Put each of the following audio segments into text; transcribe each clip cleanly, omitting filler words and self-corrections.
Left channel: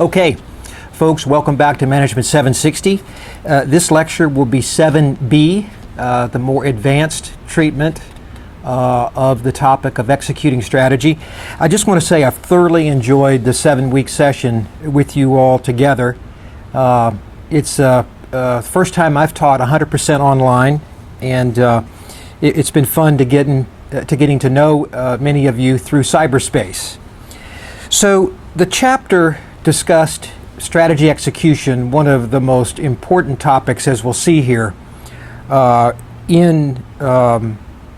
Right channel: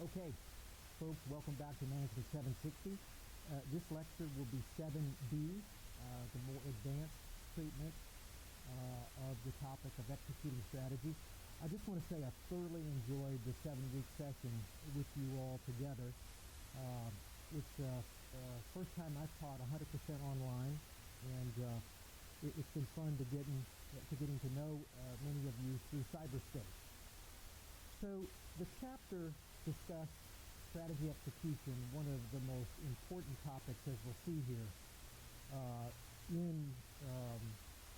Okay, folks, welcome back to Management 760. This lecture will be 7B, the more advanced treatment of the topic of executing strategy. I just want to say I've thoroughly enjoyed the 7-week session with you all together. It's the first time I've taught 100% online, and it's been fun to getting to know many of you through cyberspace. So the chapter discussed strategy execution, one of the most important topics, as we'll see here, in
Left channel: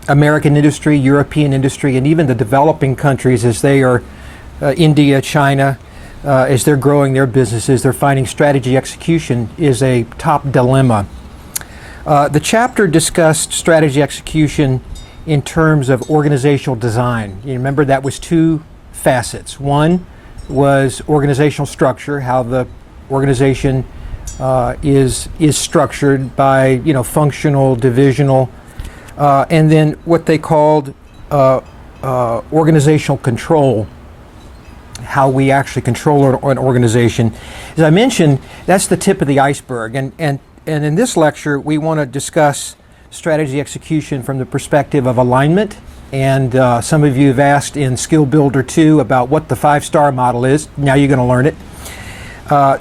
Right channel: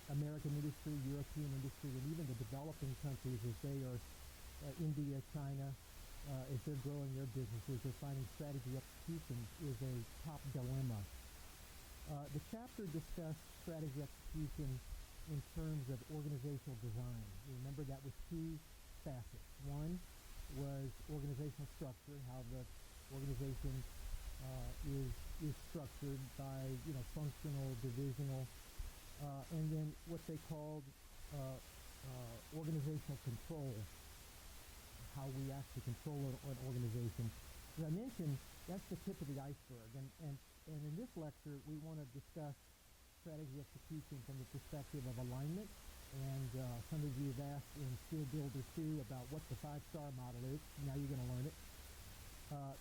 American industry, European industry, and even the developing countries as they are, India, China, as they're growing their businesses, they're finding strategy execution is a top dilemma. The chapter discussed strategy execution in terms of organizational design. You remember that was two facets. One was organizational structure, how the organization is structured by functional, divisional, and then what they called organizational control, how we actually control an organization. As I mentioned, that's the tip of the iceberg, and in this lecture we want to discuss strategy execution from the perspective of alignment. And some of you have asked in Skill Builder 2 about what the 5-star model is. Now you're going to learn it.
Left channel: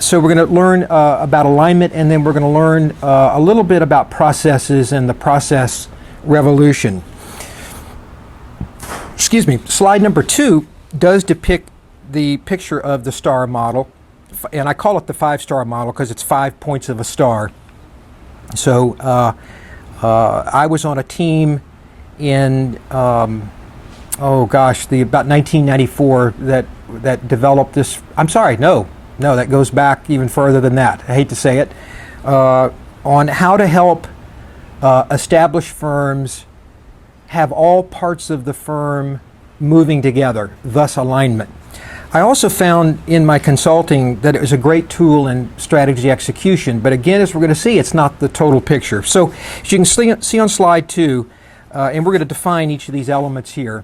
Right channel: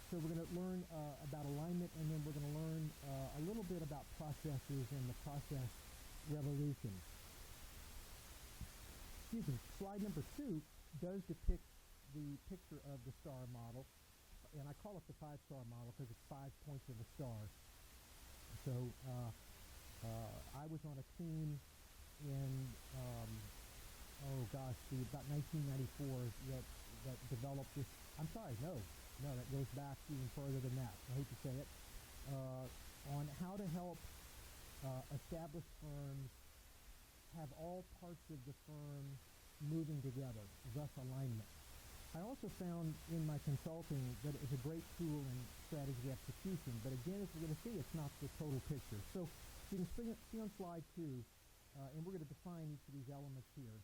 So we're going to learn about alignment, and then we're going to learn a little bit about processes and the process revolution. Excuse me. Slide number 2 does depict the picture of the star model, and I call it the 5-star model because it's 5 points of a star. So I was on a team in about 1994 that developed this. I'm sorry, no, that goes back even further than that. I hate to say it. On how to help established firms have all parts of the firm moving together, thus alignment. I also found in my consulting that it was a great tool in strategy execution, but again, as we're going to see, it's not the total picture. So as you can see on slide 2, and we're going to define each of these elements here.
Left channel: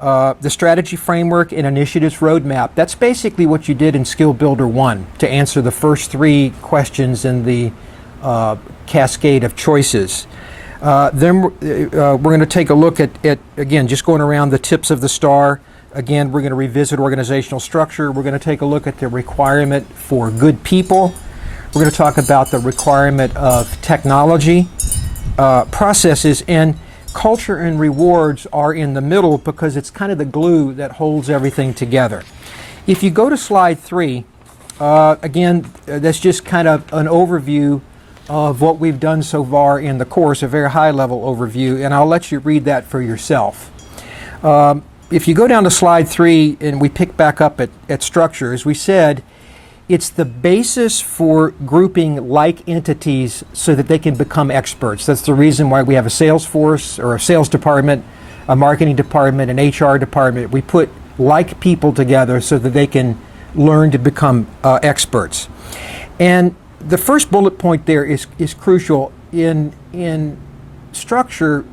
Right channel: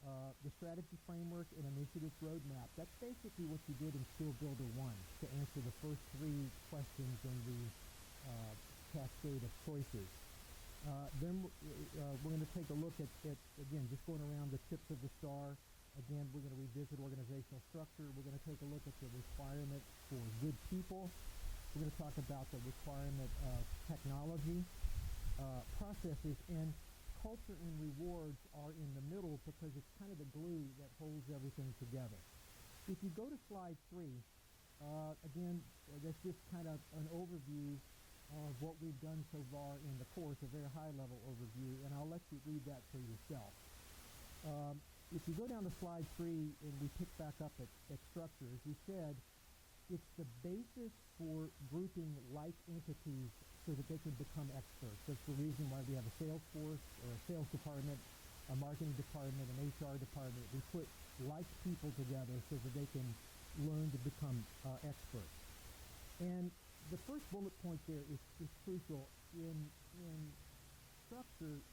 The strategy framework and initiatives roadmap, that's basically what you did in Skill Builder 1 to answer the first 3 questions in the cascade of choices. Then we're going to take a look at, again, just going around the tips of the star. Again, we're going to revisit organizational structure. We're going to take a look at the requirement for good people. We're going to talk about the requirement of technology, processes, and culture and rewards are in the middle because it's kind of the glue that holds everything together. If you go to slide 3, again, that's just kind of an overview of what we've done so far in the course, a very high-level overview, and I'll let you read that for yourself. If you go down to slide 3 and we pick back up at structure, as we said, it's the basis for grouping like entities so that they can become experts. That's the reason why we have a sales force or a sales department, a marketing department, an HR department. We put like people together so that they can learn to become experts. And the first bullet point there is crucial. In structure,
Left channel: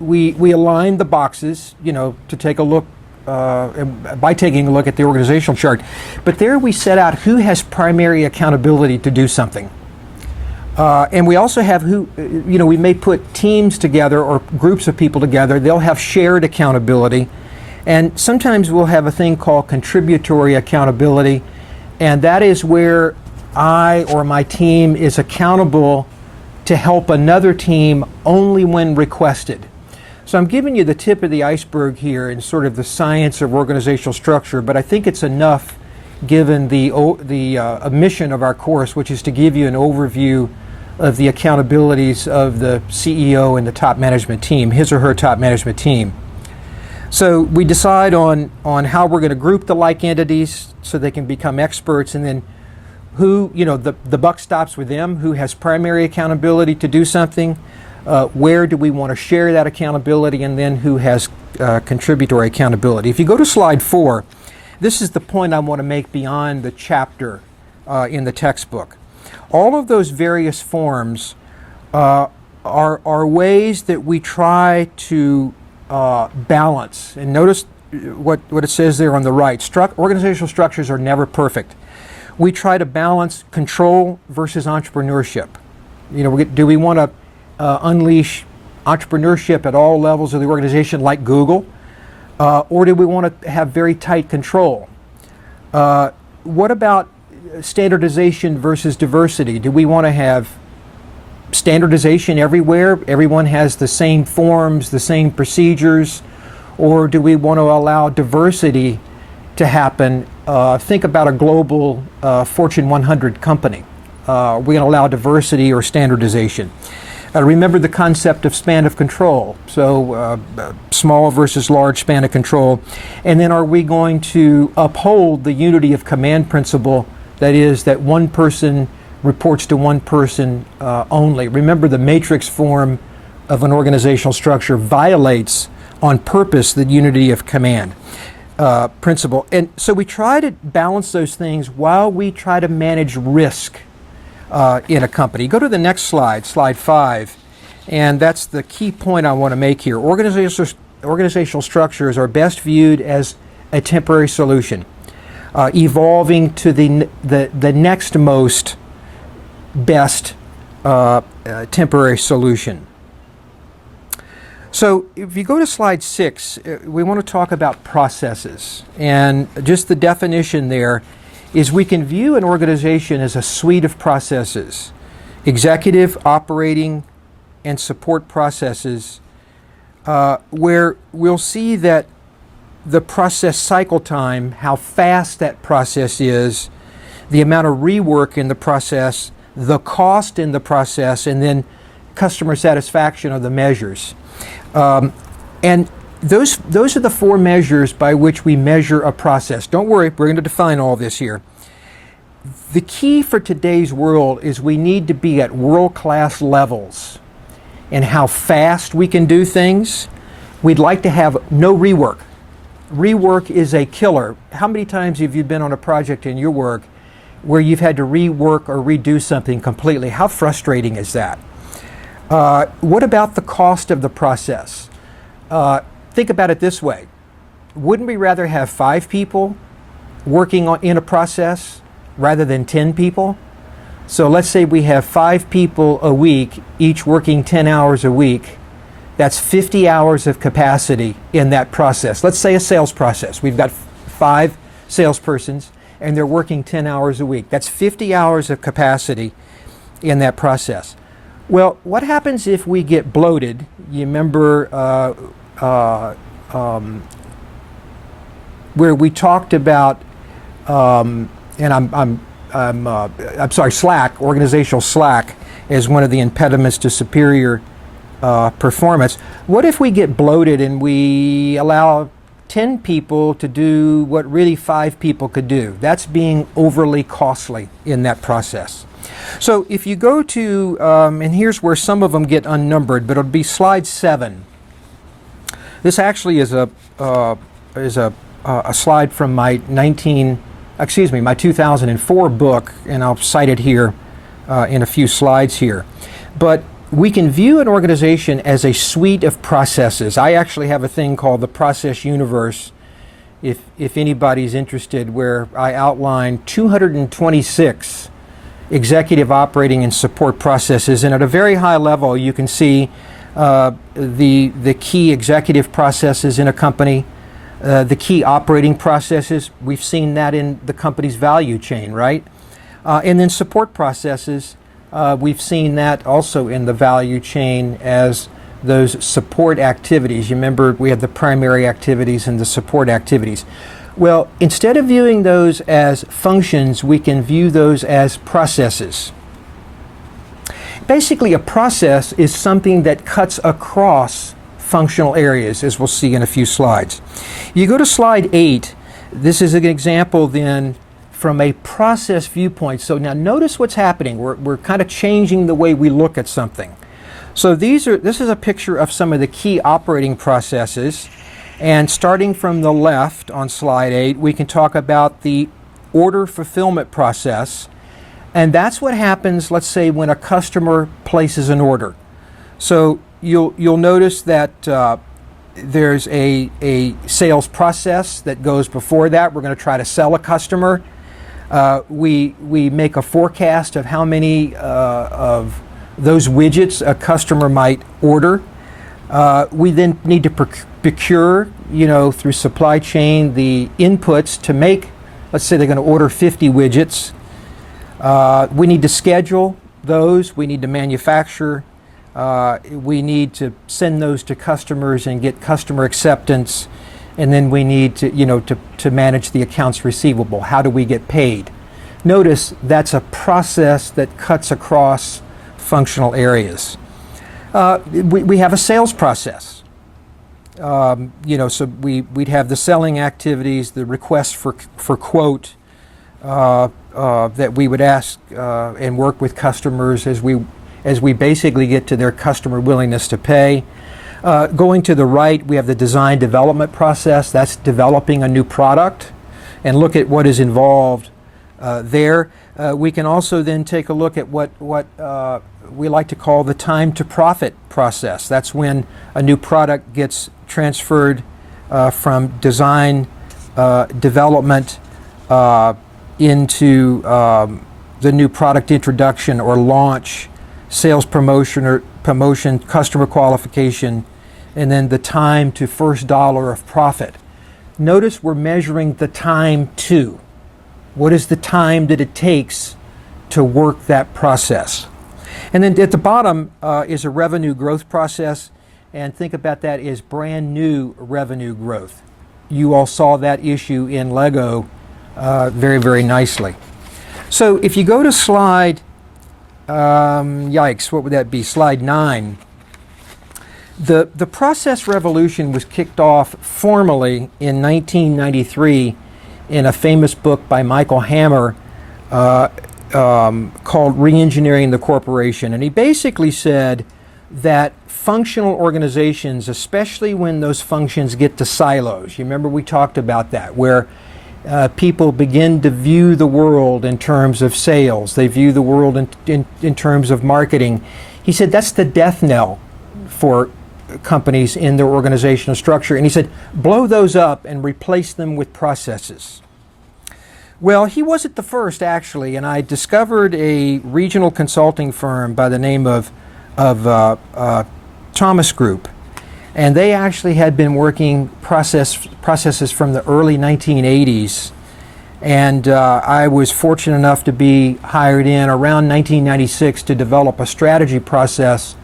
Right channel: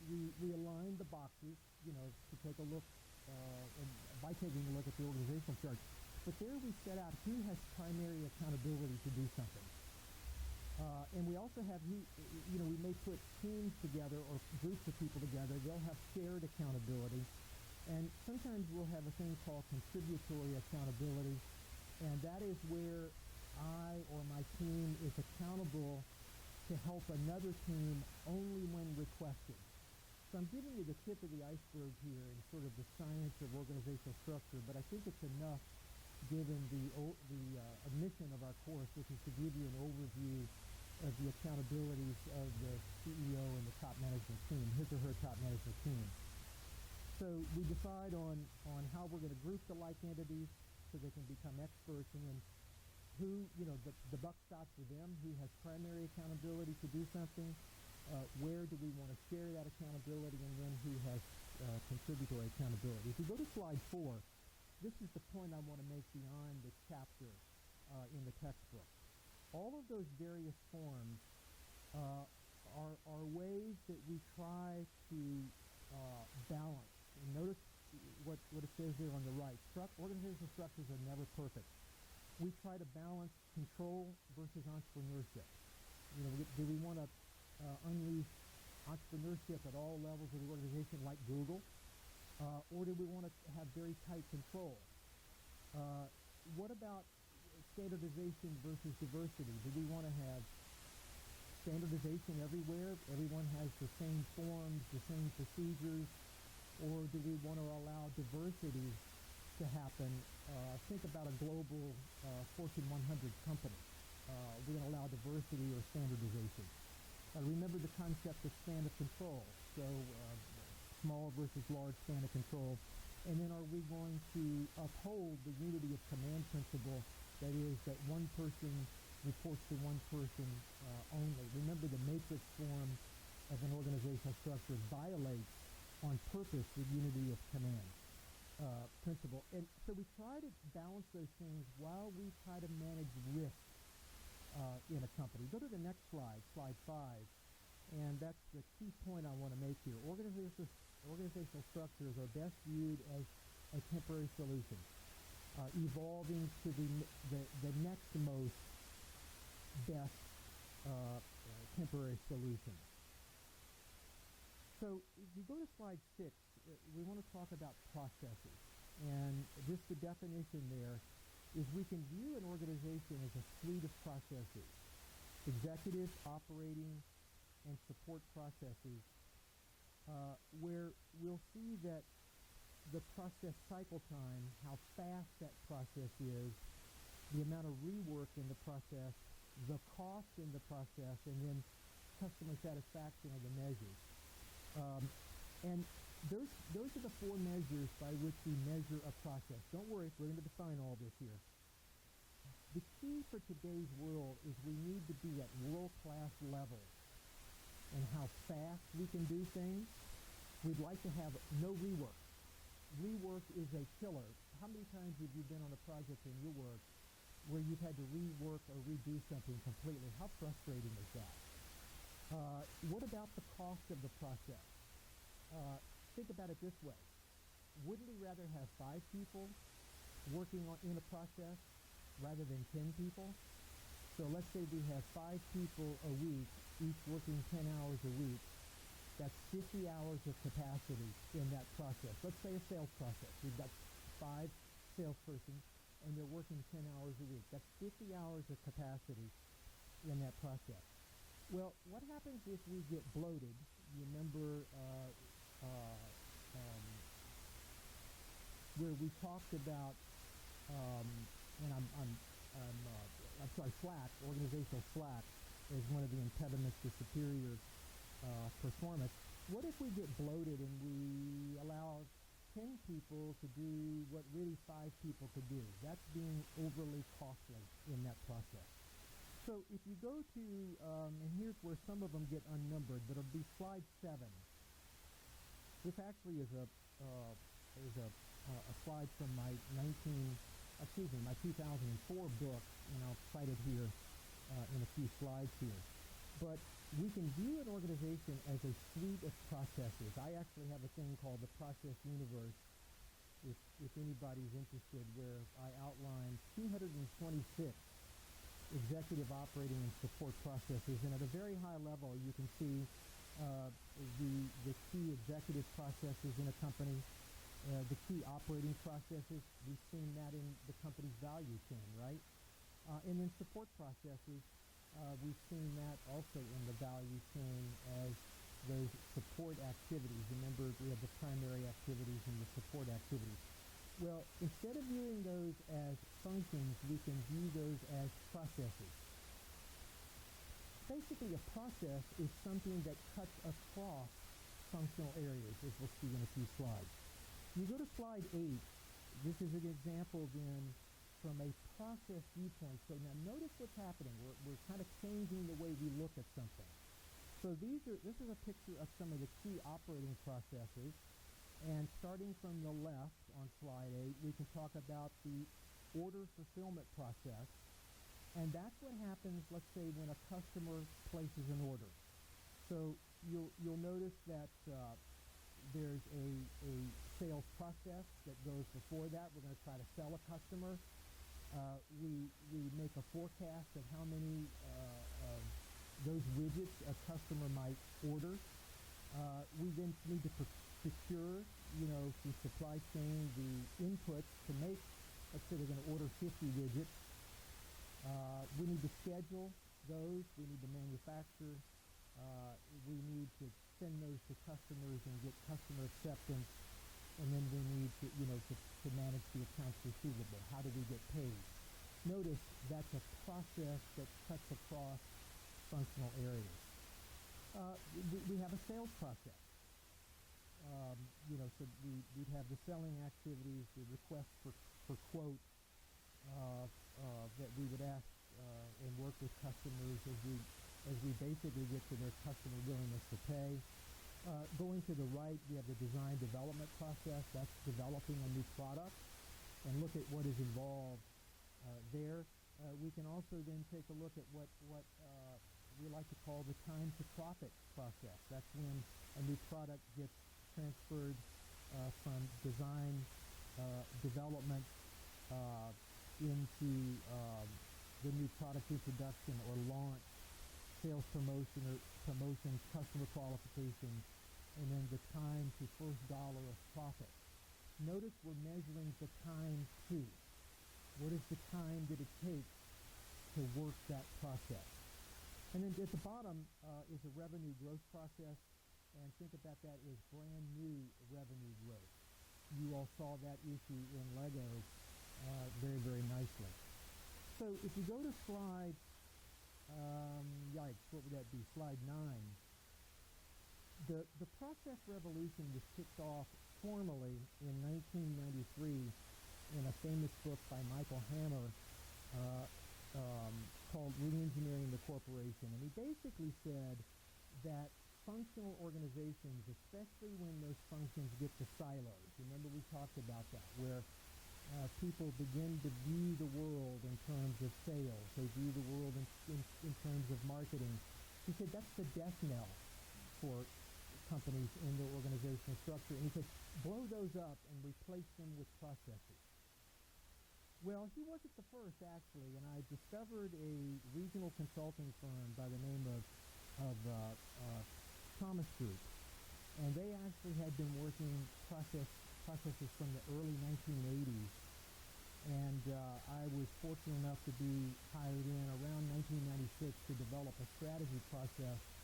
we align the boxes, to take a look, by taking a look at the organizational chart. But there we set out who has primary accountability to do something. And we also have we may put teams together or groups of people together. They'll have shared accountability. And sometimes we'll have a thing called contributory accountability. And that is where I or my team is accountable to help another team only when requested. So I'm giving you the tip of the iceberg here in sort of the science of organizational structure, but I think it's enough given the mission of our course, which is to give you an overview of the accountabilities of the CEO and the top management team, his or her top management team. So we decide on how we're going to group the like entities so they can become experts, and then who, the buck stops with them, who has primary accountability to do something. Where do we want to share that accountability, and then who has contributory accountability. If you go to slide 4, this is the point I want to make beyond the chapter in the textbook. All of those various forms are ways that we try to balance. And notice what it says there on the right. Organizational structures are never perfect. We try to balance control versus entrepreneurship. Do we want to unleash entrepreneurship at all levels of the organization like Google? Or do we want to have very tight control? What about standardization versus diversity? Do we want to have standardization everywhere? Everyone has the same forms, the same procedures? Or do we want to allow diversity to happen? Think about a global Fortune 100 company. We're going to allow diversity or standardization. Remember the concept of span of control. So small versus large span of control. And then are we going to uphold the unity of command principle, that is, that one person reports to one person only? Remember, the matrix form of an organizational structure violates on purpose the unity of command principle. And so we try to balance those things while we try to manage risk in a company. Go to the next slide, slide 5, and that's the key point I want to make here. Organizational structures are best viewed as a temporary solution, evolving to the next most best temporary solution. So if you go to slide 6, we want to talk about processes. And just the definition there is we can view an organization as a suite of processes, executive, operating, and support processes, where we'll see that the process cycle time, how fast that process is, the amount of rework in the process, the cost in the process, and then customer satisfaction are the measures. And those are the 4 measures by which we measure a process. Don't worry, we're going to define all this here. The key for today's world is we need to be at world-class levels in how fast we can do things. We'd like to have no rework. Rework is a killer. How many times have you been on a project in your work where you've had to rework or redo something completely? How frustrating is that? What about the cost of the process? Think about it this way. Wouldn't we rather have 5 people working in a process rather than 10 people? So let's say we have 5 people a week, each working 10 hours a week. That's 50 hours of capacity in that process. Let's say a sales process. We've got 5 salespersons and they're working 10 hours a week. That's 50 hours of capacity in that process. Well, what happens if we get bloated? You remember where we talked about, and I'm sorry, slack, organizational slack, as one of the impediments to superior performance. What if we get bloated and we allow 10 people to do what really 5 people could do? That's being overly costly in that process. So if you go to, and here's where some of them get unnumbered, but it'll be slide 7. This actually is a slide from my 2004 book, and I'll cite it here in a few slides here. But we can view an organization as a suite of processes. I actually have a thing called the Process Universe, if anybody's interested, where I outline 226 executive, operating, and support processes. And at a very high level, you can see the key executive processes in a company, the key operating processes. We've seen that in the company's value chain, right? And then support processes, we've seen that also in the value chain as those support activities. You remember we had the primary activities and the support activities. Well, instead of viewing those as functions, we can view those as processes. Basically, a process is something that cuts across functional areas, as we'll see in a few slides. You go to slide 8. This is an example then from a process viewpoint. So now notice what's happening. We're kind of changing the way we look at something. So this is a picture of some of the key operating processes. And starting from the left on slide 8, we can talk about the order fulfillment process. And that's what happens, let's say, when a customer places an order. So you'll notice that there's a sales process that goes before that. We're going to try to sell a customer. We make a forecast of how many of those widgets a customer might order. We then need to procure, through supply chain, the inputs to make, let's say they're going to order 50 widgets. We need to schedule those. We need to manufacture. We need to send those to customers and get customer acceptance. And then we need to manage the accounts receivable. How do we get paid? Notice that's a process that cuts across functional areas. We have a sales process. So we'd have the selling activities, the request for quote that we would ask and work with customers as we basically get to their customer willingness to pay. Going to the right, we have the design development process. That's developing a new product, and look at what is involved there. We can also then take a look at what we like to call the time to profit process. That's when a new product gets transferred from design development into the new product introduction or launch, sales promotion, customer qualification, and then the time to first dollar of profit. Notice we're measuring the time to. What is the time that it takes to work that process? And then at the bottom is a revenue growth process, and think about that as brand new revenue growth. You all saw that issue in Lego very, very nicely. So if you go to slide, what would that be? Slide 9. The process revolution was kicked off formally in 1993 in a famous book by Michael Hammer called Re-Engineering the Corporation. And he basically said that functional organizations, especially when those functions get to silos, you remember we talked about that, where people begin to view the world in terms of sales, they view the world in terms of marketing. He said that's the death knell for companies in their organizational structure. And he said, blow those up and replace them with processes. Well, he wasn't the first, actually, and I discovered a regional consulting firm by the name of Thomas Group, and they actually had been working processes from the early 1980s, and I was fortunate enough to be hired in around 1996 to develop a strategy process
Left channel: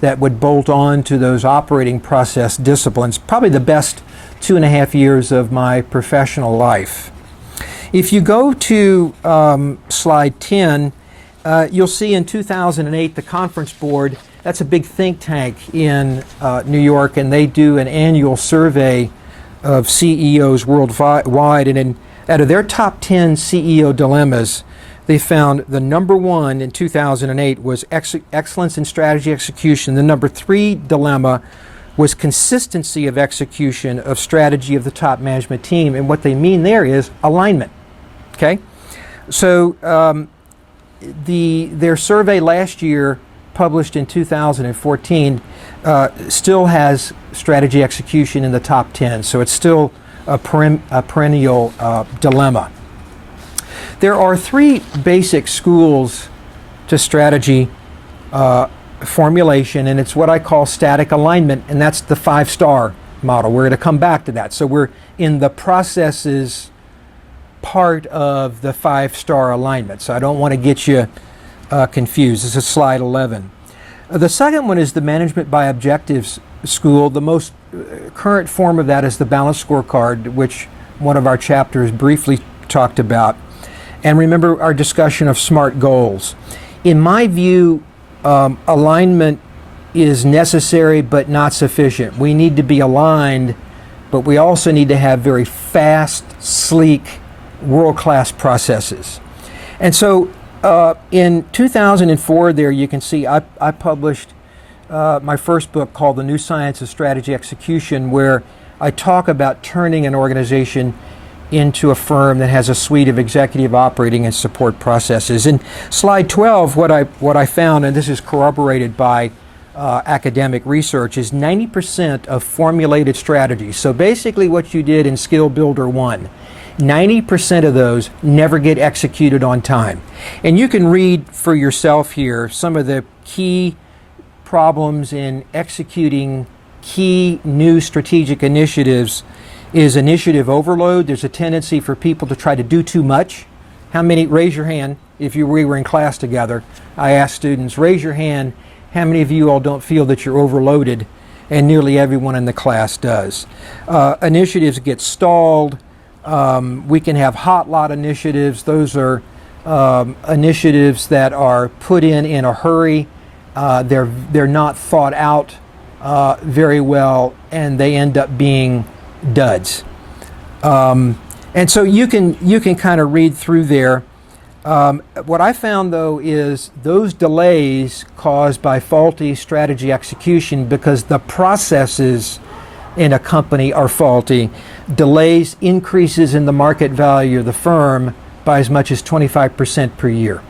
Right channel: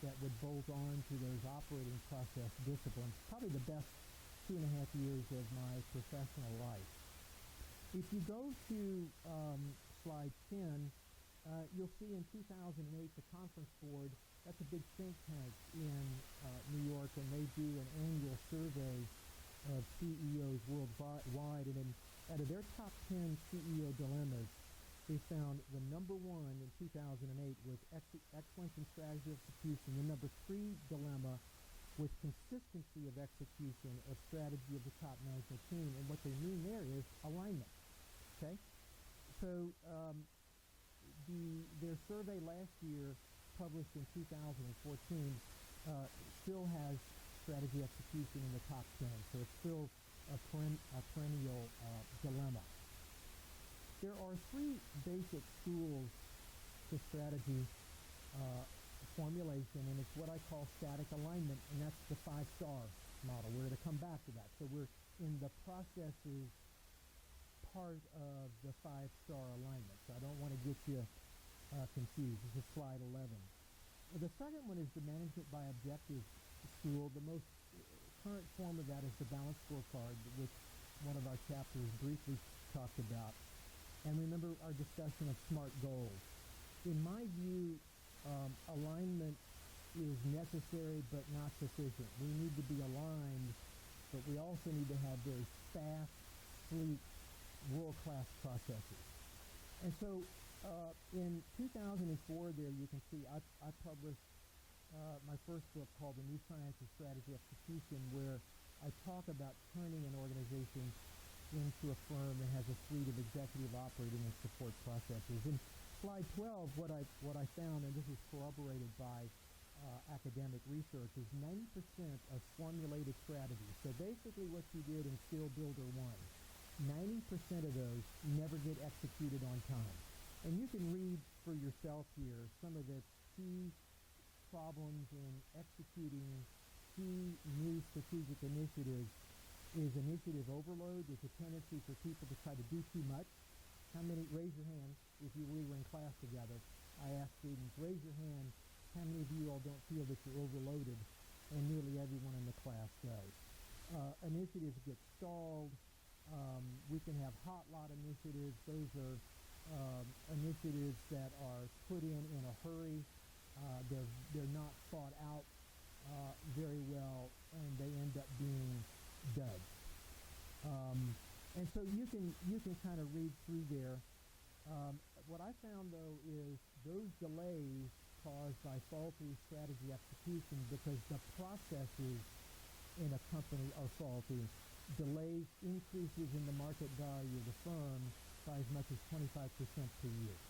that would bolt on to those operating process disciplines, probably the best 2.5 years of my professional life. If you go to slide 10, you'll see in 2008 the Conference Board, that's a big think tank in New York, and they do an annual survey of CEOs worldwide, and out of their top 10 CEO dilemmas, they found the number one in 2008 was excellence in strategy execution. The number 3 dilemma was consistency of execution of strategy of the top management team. And what they mean there is alignment. Okay? So their survey last year, published in 2014, still has strategy execution in the top 10. So it's still a perennial dilemma. There are 3 basic schools to strategy formulation, and it's what I call static alignment, and that's the 5-star model. We're going to come back to that. So we're in the processes part of the 5-star alignment. So I don't want to get you confused. This is slide 11. The second one is the management by objectives school. The most current form of that is the balanced scorecard, which one of our chapters briefly talked about. And remember our discussion of SMART goals. In my view, alignment is necessary but not sufficient. We need to be aligned, but we also need to have very fast, sleek, world-class processes. And so in 2004 there you can see I published my first book called The New Science of Strategy Execution, where I talk about turning an organization into a firm that has a suite of executive operating and support processes. In slide 12, what I found, and this is corroborated by academic research, is 90% of formulated strategies. So basically what you did in Skill Builder 1 90% of those never get executed on time. And you can read for yourself here some of the key problems in executing key new strategic initiatives is initiative overload. There's a tendency for people to try to do too much. How many, raise your hand, if we were in class together, I asked students, raise your hand, how many of you all don't feel that you're overloaded? And nearly everyone in the class does. Initiatives get stalled. We can have hot lot initiatives. Those are initiatives that are put in a hurry. They're not thought out very well, and they end up being duds. And so you can kind of read through there. What I found, though, is those delays caused by faulty strategy execution because the processes in a company are faulty. Delays increases in the market value of the firm by as much as 25% per year.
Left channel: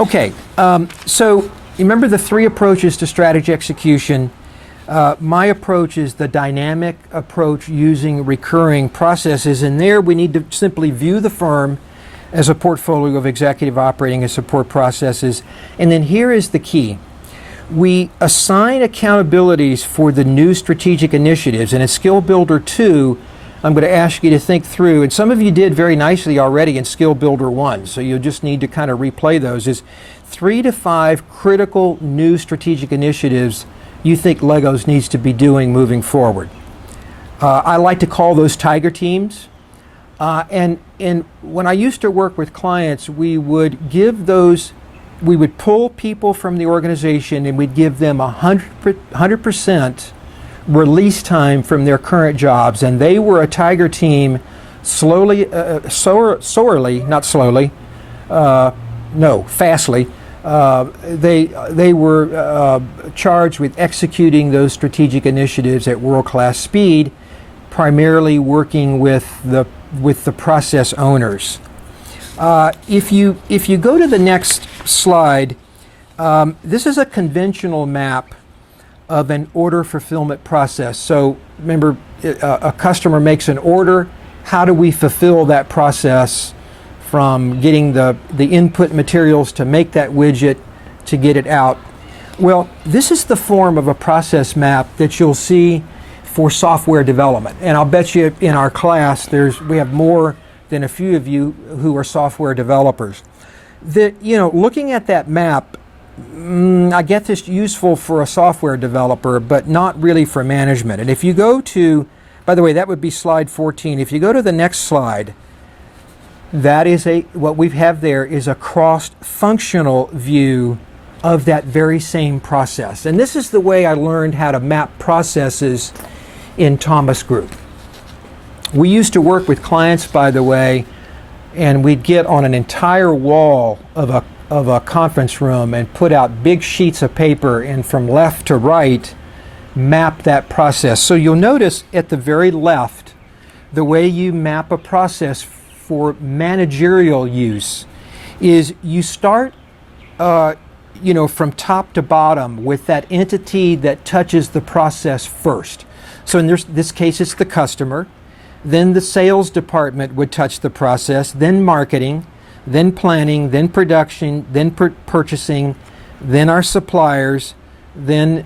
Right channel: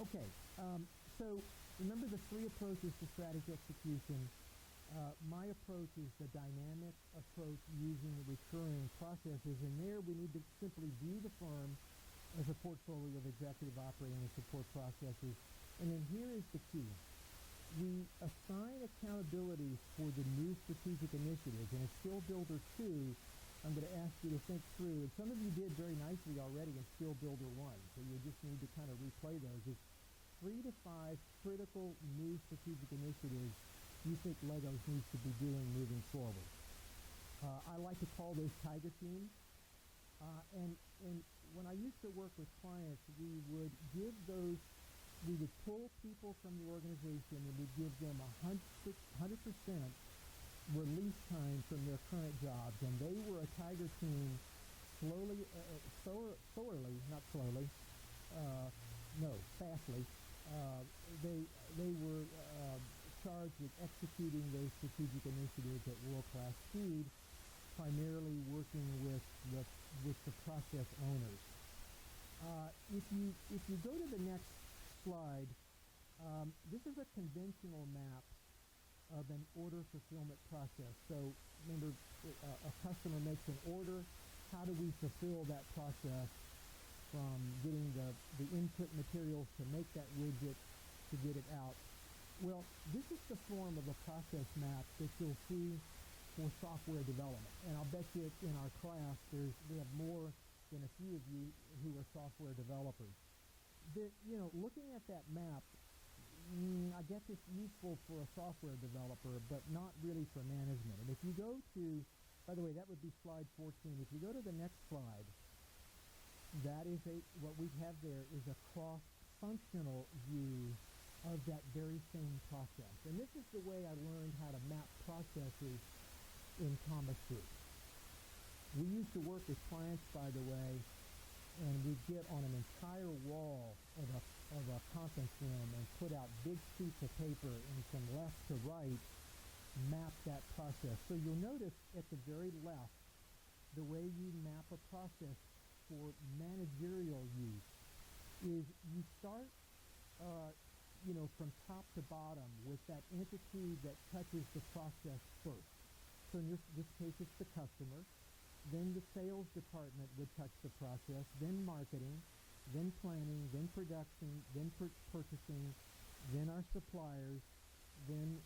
Okay, so you remember the three approaches to strategy execution. My approach is the dynamic approach using recurring processes, and there we need to simply view the firm as a portfolio of executive operating and support processes. And then here is the key. We assign accountabilities for the new strategic initiatives, and in Skill Builder 2, I'm going to ask you to think through, and some of you did very nicely already in Skill Builder 1, so you'll just need to kind of replay those, is 3 to 5 critical new strategic initiatives you think Legos needs to be doing moving forward. I like to call those tiger teams. And when I used to work with clients, we would pull people from the organization and we'd give them 100% release time from their current jobs. And they were a tiger team fastly. They were charged with executing those strategic initiatives at world-class speed, primarily working with the process owners. If you go to the next slide, this is a conventional map of an order fulfillment process. So remember, a customer makes an order. How do we fulfill that process from getting the input materials to make that widget to get it out? Well, this is the form of a process map that you'll see for software development. And I'll bet you in our class we have more than a few of you who are software developers. Looking at that map, I get this useful for a software developer, but not really for management. And if you go to, by the way, that would be slide 14. If you go to the next slide, that is what we have there is a cross-functional view of that very same process. And this is the way I learned how to map processes in Thomas Group. We used to work with clients, by the way, and we'd get on an entire wall of a conference room and put out big sheets of paper and from left to right map that process. So you'll notice at the very left, the way you map a process for managerial use is you start from top to bottom with that entity that touches the process first. So in this case, it's the customer. Then the sales department would touch the process, then marketing, then planning, then production, then purchasing, then our suppliers, then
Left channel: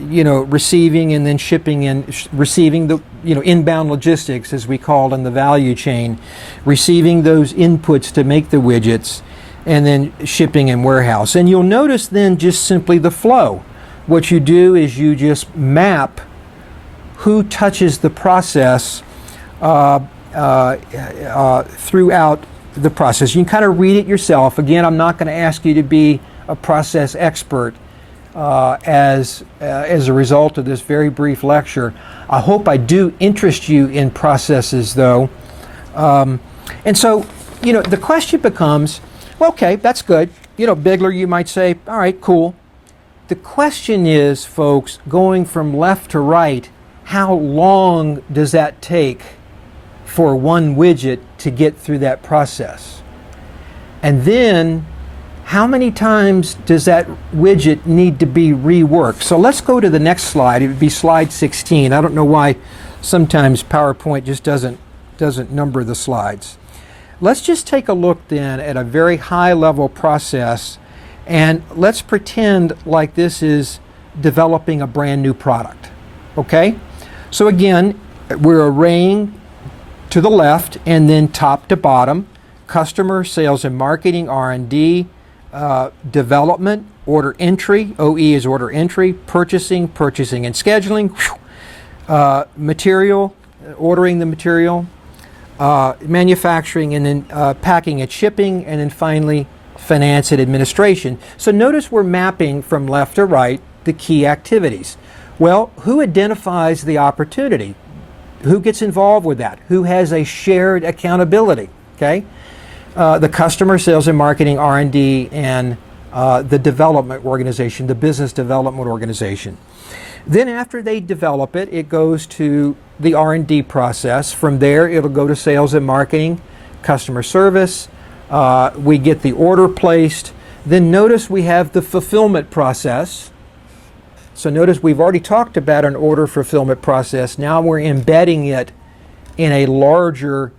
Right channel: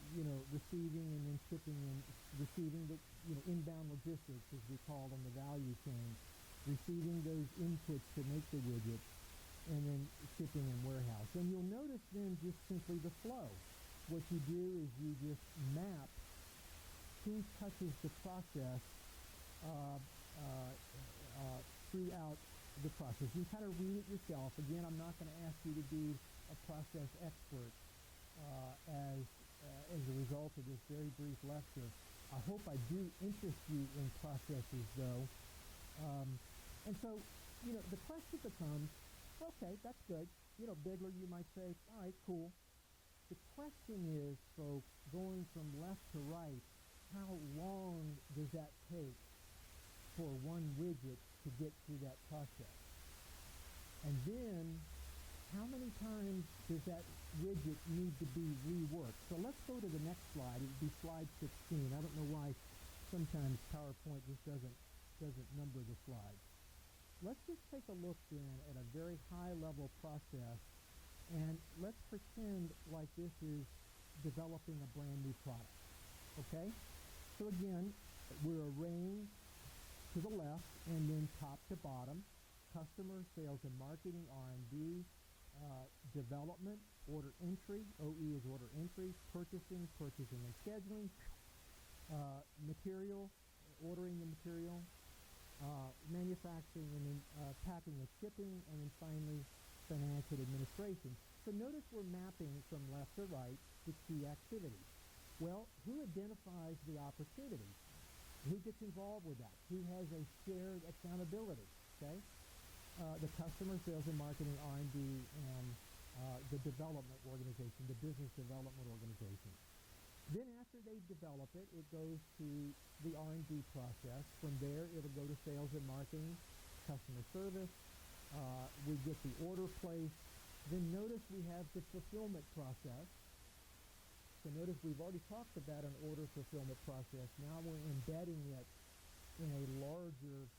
receiving and then shipping and receiving the inbound logistics, as we call it in the value chain, receiving those inputs to make the widgets, and then shipping and warehouse. And you'll notice then just simply the flow. What you do is you just map who touches the process throughout the process. You can kind of read it yourself. Again, I'm not going to ask you to be a process expert as a result of this very brief lecture. I hope I do interest you in processes, though. And so, the question becomes, well, okay, that's good. Bigler, you might say, all right, cool. The question is, folks, going from left to right, how long does that take for one widget to get through that process? And then, how many times does that widget need to be reworked? So let's go to the next slide. It would be slide 16. I don't know why sometimes PowerPoint just doesn't number the slides. Let's just take a look then at a very high level process, and let's pretend like this is developing a brand new product. Okay? So again, we're arraying to the left and then top to bottom: customer, sales and marketing, R&D, development, order entry, OE is order entry, purchasing and scheduling, material, ordering the material, manufacturing, and then packing and shipping, and then finally finance and administration. So notice we're mapping from left to right the key activities. Well, who identifies the opportunity? Who gets involved with that? Who has a shared accountability? Okay, the customer, sales and marketing, R&D, and the development organization, the business development organization. Then after they develop it, it goes to the R&D process. From there, it'll go to sales and marketing, customer service. We get the order placed. Then notice we have the fulfillment process. So notice we've already talked about an order fulfillment process. Now we're embedding it in a larger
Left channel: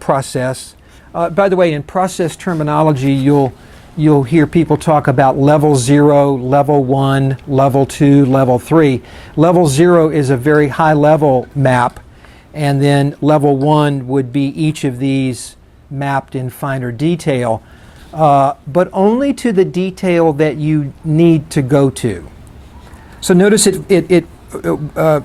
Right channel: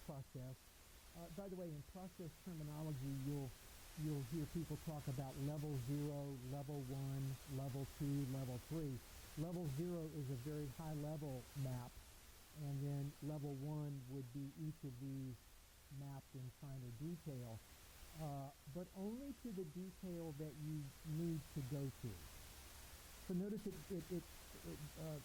process. By the way, in process terminology, you'll hear people talk about level 0, level 1, level 2, level 3. Level 0 is a very high level map, and then level 1 would be each of these mapped in finer detail, but only to the detail that you need to go to. So notice it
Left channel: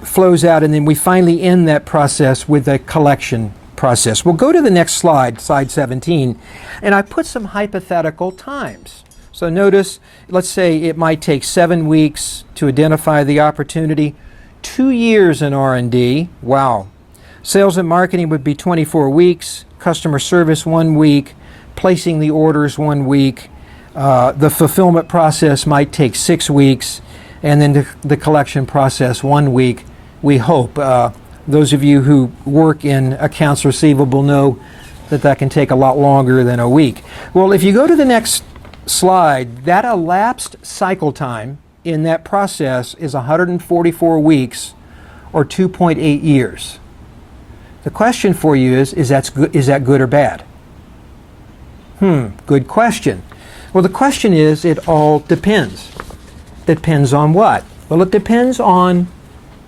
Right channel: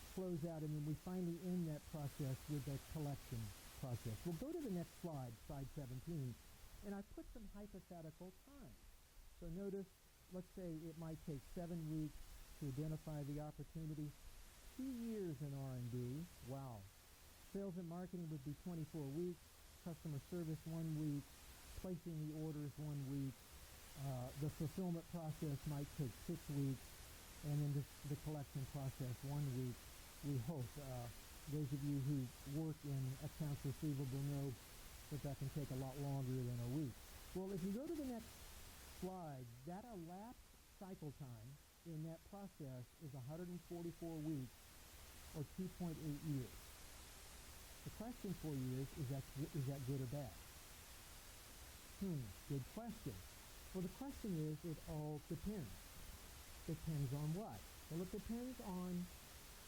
flows out, and then we finally end that process with a collection process. We'll go to the next slide, slide 17, and I put some hypothetical times. So notice, let's say it might take 7 weeks to identify the opportunity, 2 years in R&D, wow. Sales and marketing would be 24 weeks, customer service 1 week, placing the orders 1 week, the fulfillment process might take 6 weeks, and then the collection process 1 week, we hope. Those of you who work in accounts receivable know that that can take a lot longer than a week. Well, if you go to the next slide, that elapsed cycle time in that process is 144 weeks or 2.8 years. The question for you is that good or bad? Good question. Well, the question is, it all depends. Depends on what? Well, it depends on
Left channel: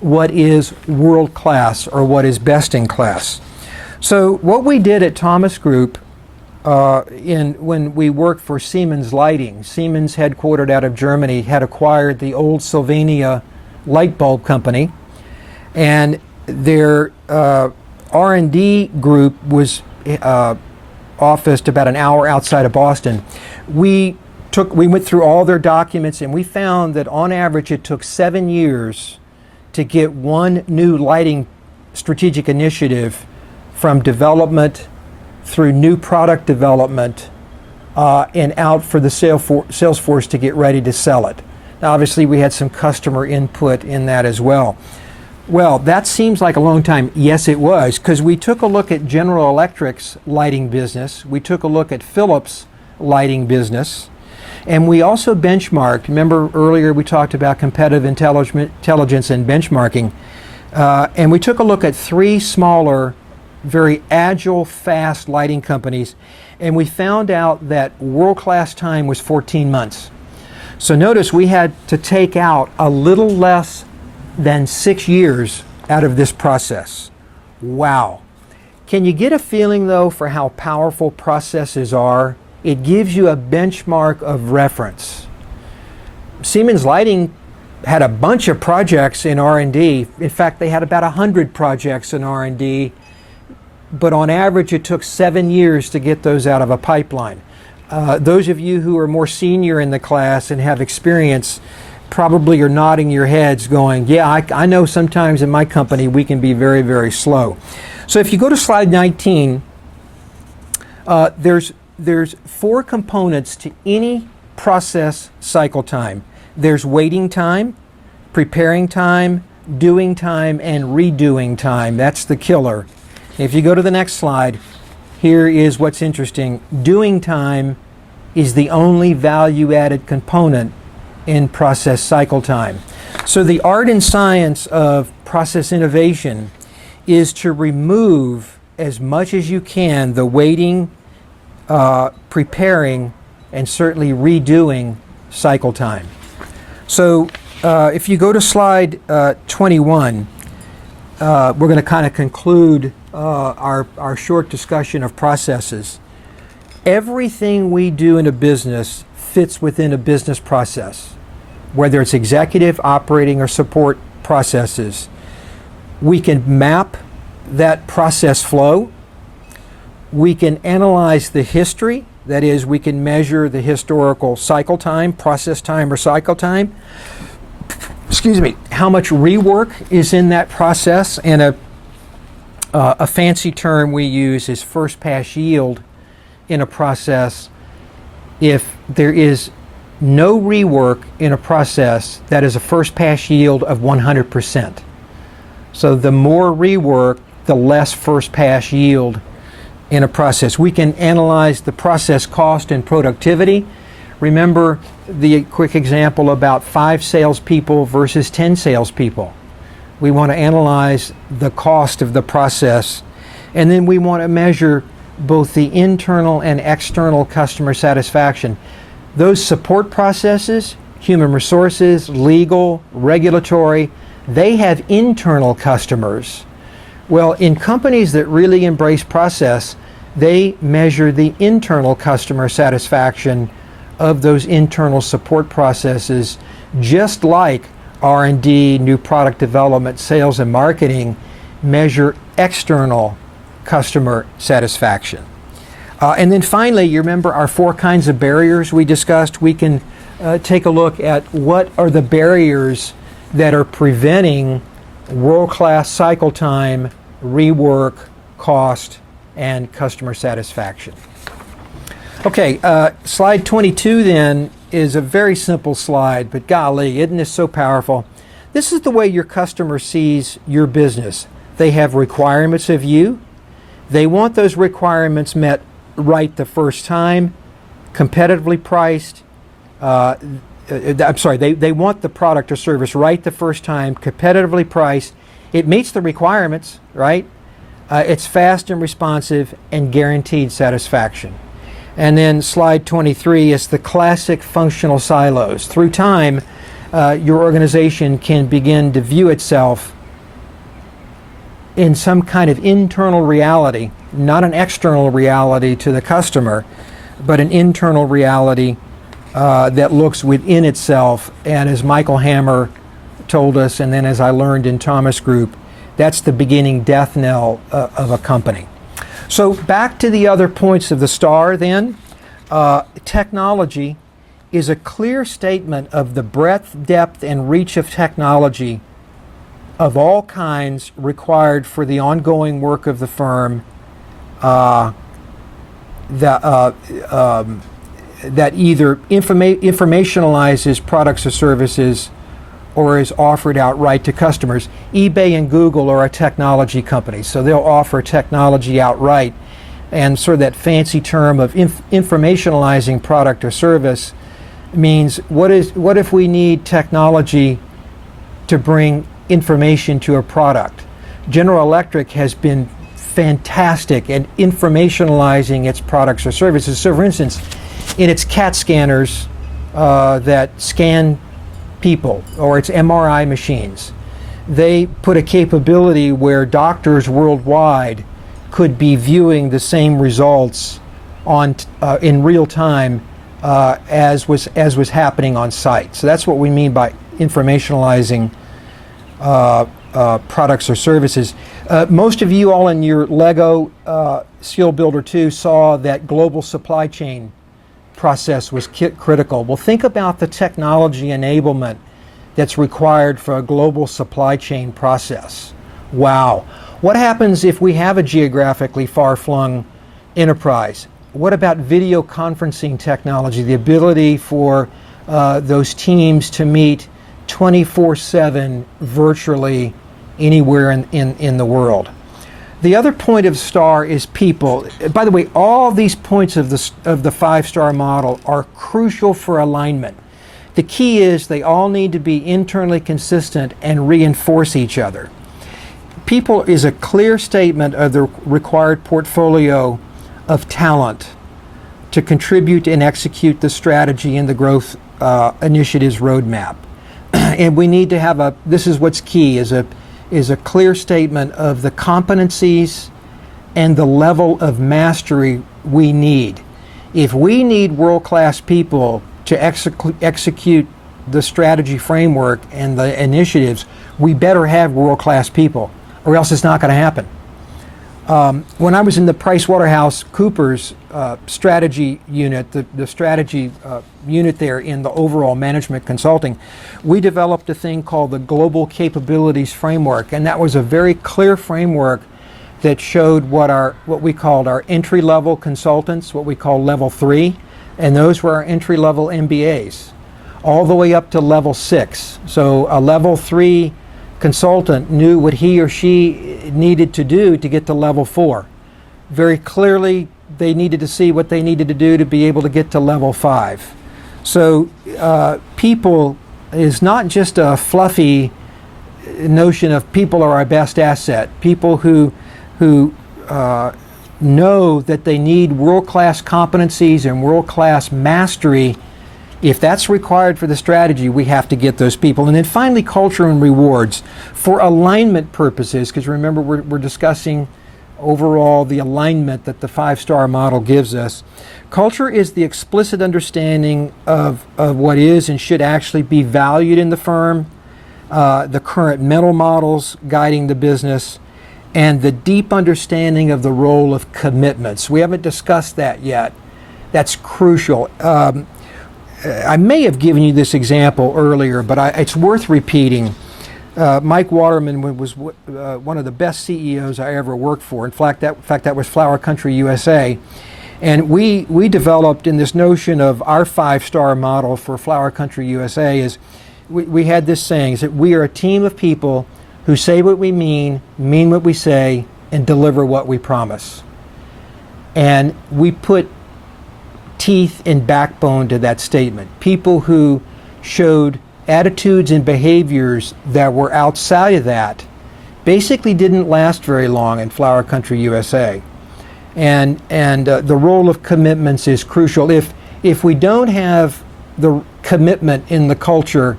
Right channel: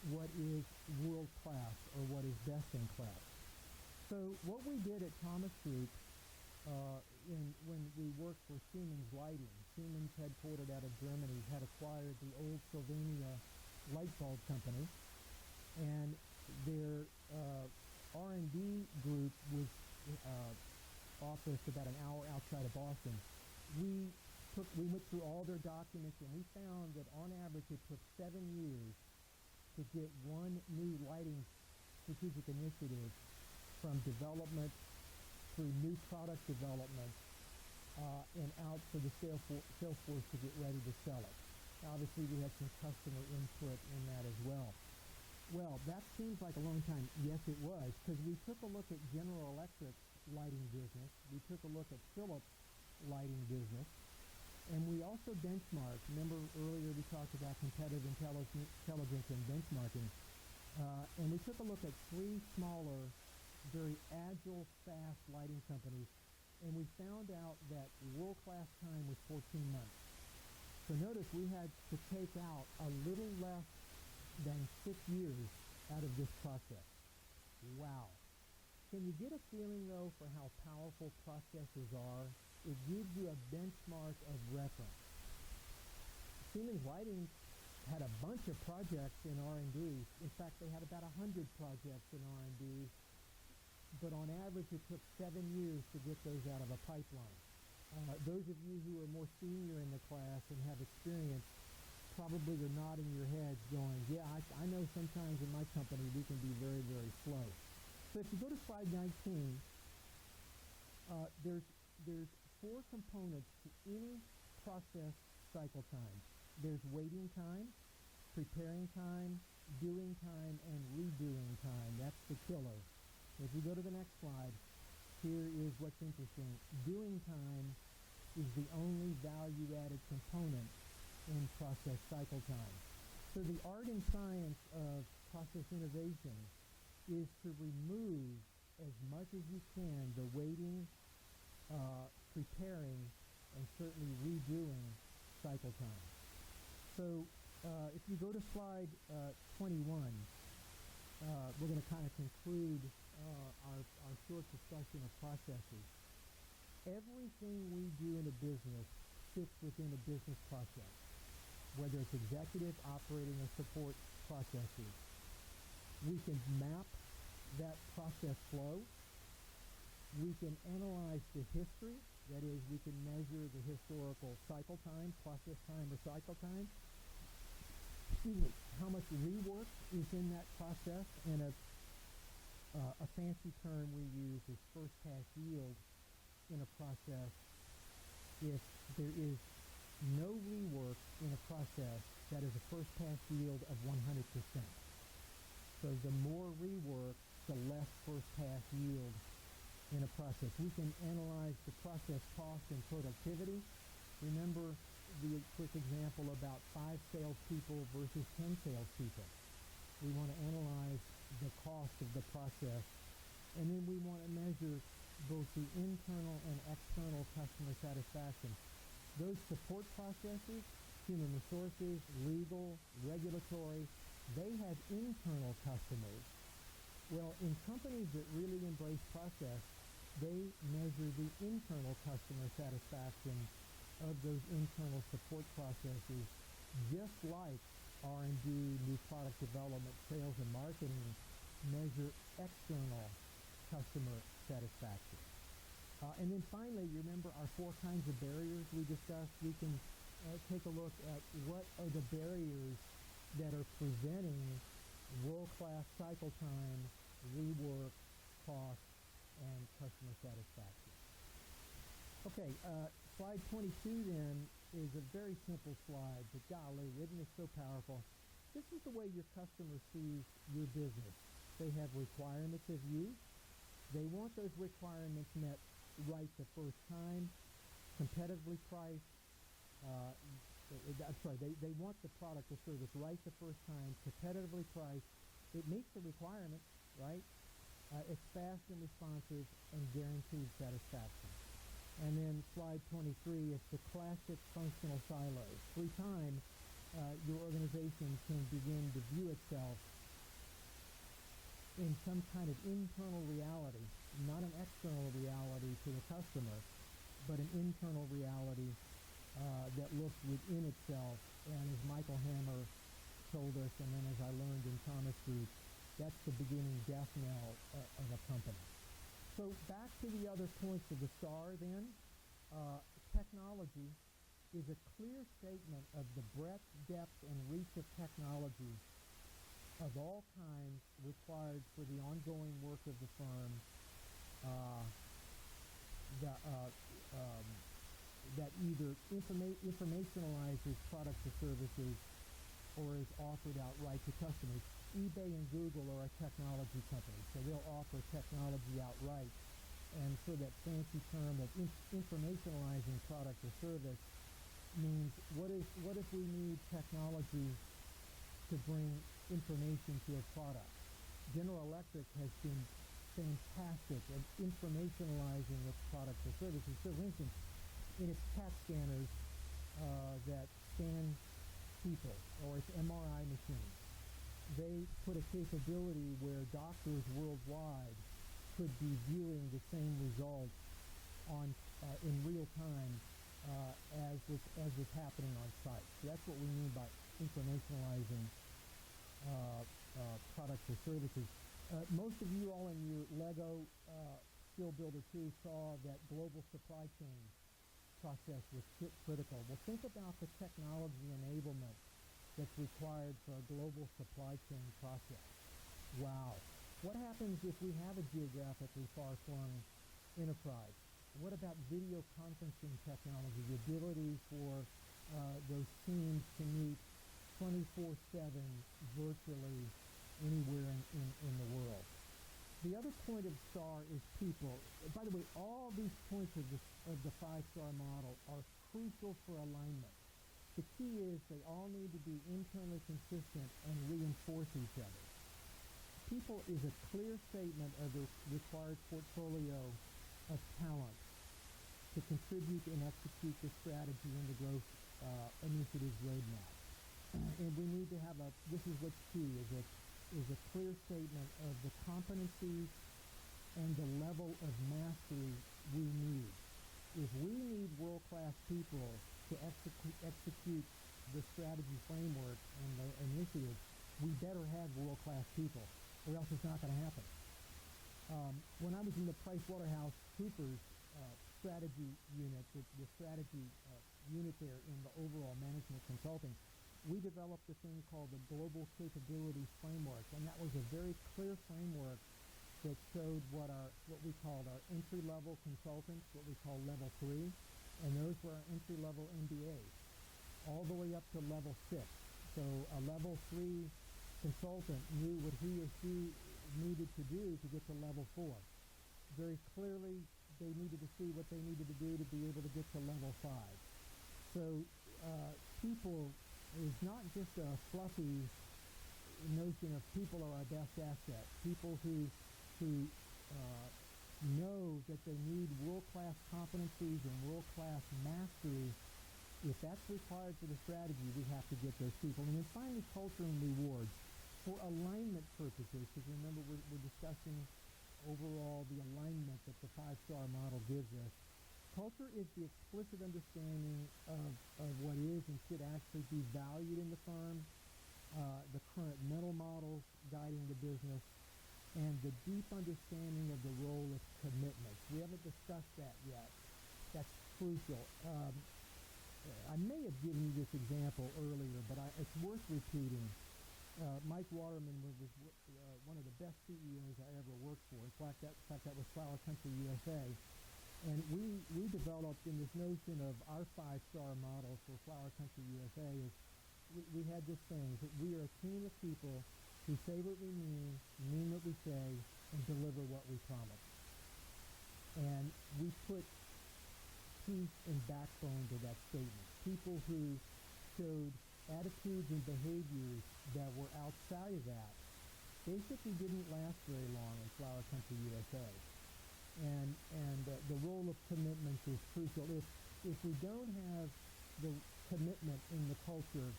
what is world class or what is best in class. So what we did at Thomas Group when we worked for Siemens Lighting, Siemens headquartered out of Germany had acquired the old Sylvania light bulb company, and their R&D group was officed about an hour outside of Boston. We went through all their documents, and we found that on average it took 7 years to get one new lighting strategic initiative from development through new product development and out for the sales force to get ready to sell it. Now, obviously, we had some customer input in that as well. Well, that seems like a long time. Yes, it was, because we took a look at General Electric's lighting business. We took a look at Philips' lighting business. And we also benchmarked. Remember earlier we talked about competitive intelligence and benchmarking. And we took a look at 3 smaller, very agile, fast lighting companies. And we found out that world-class time was 14 months. So notice we had to take out a little less than 6 years out of this process. Wow. Can you get a feeling, though, for how powerful processes are? It gives you a benchmark of reference. Siemens Lighting had a bunch of projects in R&D. In fact, they had about 100 projects in R&D, but on average it took 7 years to get those out of a pipeline. Those of you who are more senior in the class and have experience probably are nodding your heads going, yeah, I know sometimes in my company we can be very, very slow. So if you go to slide 19, there's 4 components to any process cycle time. There's waiting time, preparing time, doing time, and redoing time. That's the killer. If you go to the next slide, here is what's interesting. Doing time is the only value-added component in process cycle time. So the art and science of process innovation is to remove as much as you can the waiting, preparing, and certainly redoing cycle time. So if you go to slide 21, we're going to kind of conclude our short discussion of processes. Everything we do in a business fits within a business process, whether it's executive, operating, or support processes. We can map that process flow. We can analyze the history. That is, we can measure the historical cycle time, process time, or cycle time. Excuse me, how much rework is in that process, and a fancy term we use is first pass yield in a process. If there is no rework in a process, that is a first pass yield of 100%. So the more rework, the less first pass yield in a process. We can analyze the process cost and productivity. Remember the quick example about 5 salespeople versus 10 salespeople. We want to analyze the cost of the process, and then we want to measure both the internal and external customer satisfaction. Those support processes, human resources, legal, regulatory, they have internal customers. Well, in companies that really embrace process, they measure the internal customer satisfaction of those internal support processes, just like R&D, new product development, sales, and marketing measure external customer satisfaction. And then finally, you remember our 4 kinds of barriers we discussed? We can take a look at what are the barriers that are preventing world-class cycle time, rework, cost, and customer satisfaction. Okay, slide 22 then is a very simple slide, but golly, isn't this so powerful? This is the way your customer sees your business. They have requirements of you. They want those requirements met right the first time, competitively priced. They want the product or service right the first time, competitively priced. It meets the requirements, right? It's fast and responsive and guaranteed satisfaction. And then slide 23 is the classic functional silos. Through time, your organization can begin to view itself in some kind of internal reality, not an external reality to the customer, but an internal reality that looks within itself. And as Michael Hammer told us, and then as I learned in Thomas Group, that's the beginning death knell of a company. So back to the other points of the STAR then. Technology is a clear statement of the breadth, depth, and reach of technology of all kinds required for the ongoing work of the firm that either informationalizes products or services or is offered outright to customers. eBay and Google are a technology company, so they'll offer technology outright. And sort of that fancy term of informationalizing product or service means what if we need technology to bring information to a product? General Electric has been fantastic at informationalizing its products or services. So for instance, in its CAT scanners that scan people, or its MRI machines, they put a capability where doctors worldwide could be viewing the same results on in real time as was happening on site. So that's what we mean by informationalizing products or services. Most of you all in your Lego Skill Builder 2 saw that global supply chain process was critical. Well, think about the technology enablement that's required for a global supply chain process. Wow. What happens if we have a geographically far-flung enterprise? What about video conferencing technology, the ability for those teams to meet 24/7 virtually anywhere in the world? The other point of STAR is people. By the way, all these points of the 5-star model are crucial for alignment. The key is they all need to be internally consistent and reinforce each other. People is a clear statement of the required portfolio of talent to contribute and execute the strategy and the growth initiatives roadmap. And we need to have this is what's key, is a clear statement of the competencies and the level of mastery we need. If we need world-class people to execute the strategy framework and the initiatives, we better have world-class people, or else it's not going to happen. When I was in the PricewaterhouseCoopers strategy unit, the strategy unit there in the overall management consulting, we developed a thing called the Global Capabilities Framework, and that was a very clear framework that showed what we called our entry-level consultants, what we call level 3, and those were our entry-level MBAs, all the way up to level 6. So a level 3 consultant knew what he or she needed to do to get to level 4. Very clearly, they needed to see what they needed to do to be able to get to level 5. So people is not just a fluffy notion of people are our best asset. People who know that they need world-class competencies and world-class mastery. If that's required for the strategy, we have to get those people. And then finally, culture and rewards for alignment purposes, because remember we're discussing overall the alignment that the 5-star model gives us. Culture is the explicit understanding of what is and should actually be valued in the firm, the current mental models guiding the business, and the deep understanding of the role of commitments. We haven't discussed that yet. That's crucial. I may have given you this example earlier, but it's worth repeating. Mike Waterman was one of the best CEOs I ever worked for. In fact, that was Flower Country USA. And we developed in this notion of our 5-star model for Flower Country USA is we had this saying, is that we are a team of people who say what we mean what we say, and deliver what we promise. And we put teeth and backbone to that statement. People who showed attitudes and behaviors that were outside of that basically didn't last very long in Flower Country USA. And the role of commitments is crucial. If we don't have the commitment in the culture,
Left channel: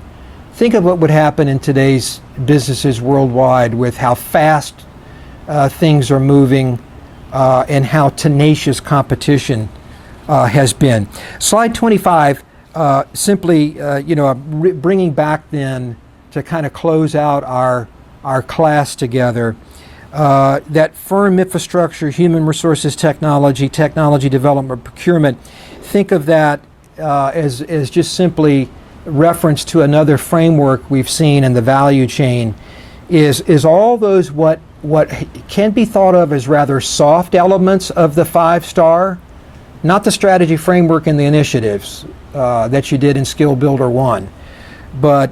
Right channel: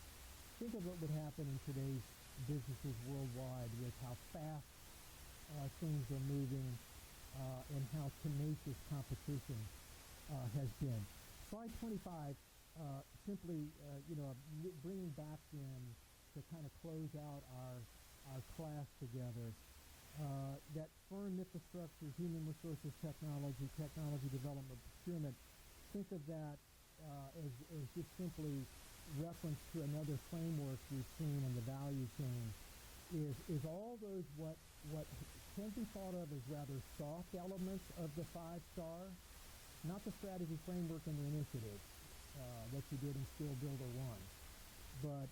think of what would happen in today's businesses worldwide with how fast things are moving and how tenacious competition has been. Slide 25, simply bringing back then to kind of close out our class together, that firm infrastructure, human resources technology development, procurement, think of that as just simply reference to another framework we've seen in the value chain, is all those what can be thought of as rather soft elements of the 5-star, not the strategy framework and the initiatives that you did in Skill Builder 1, but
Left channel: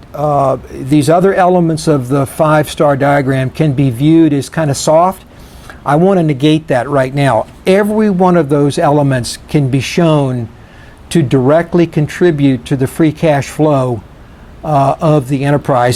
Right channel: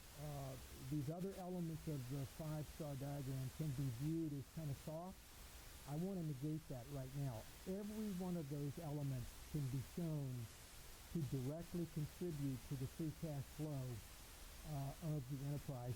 these other elements of the 5-star diagram can be viewed as kind of soft. I want to negate that right now. Every one of those elements can be shown to directly contribute to the free cash flow of the enterprise.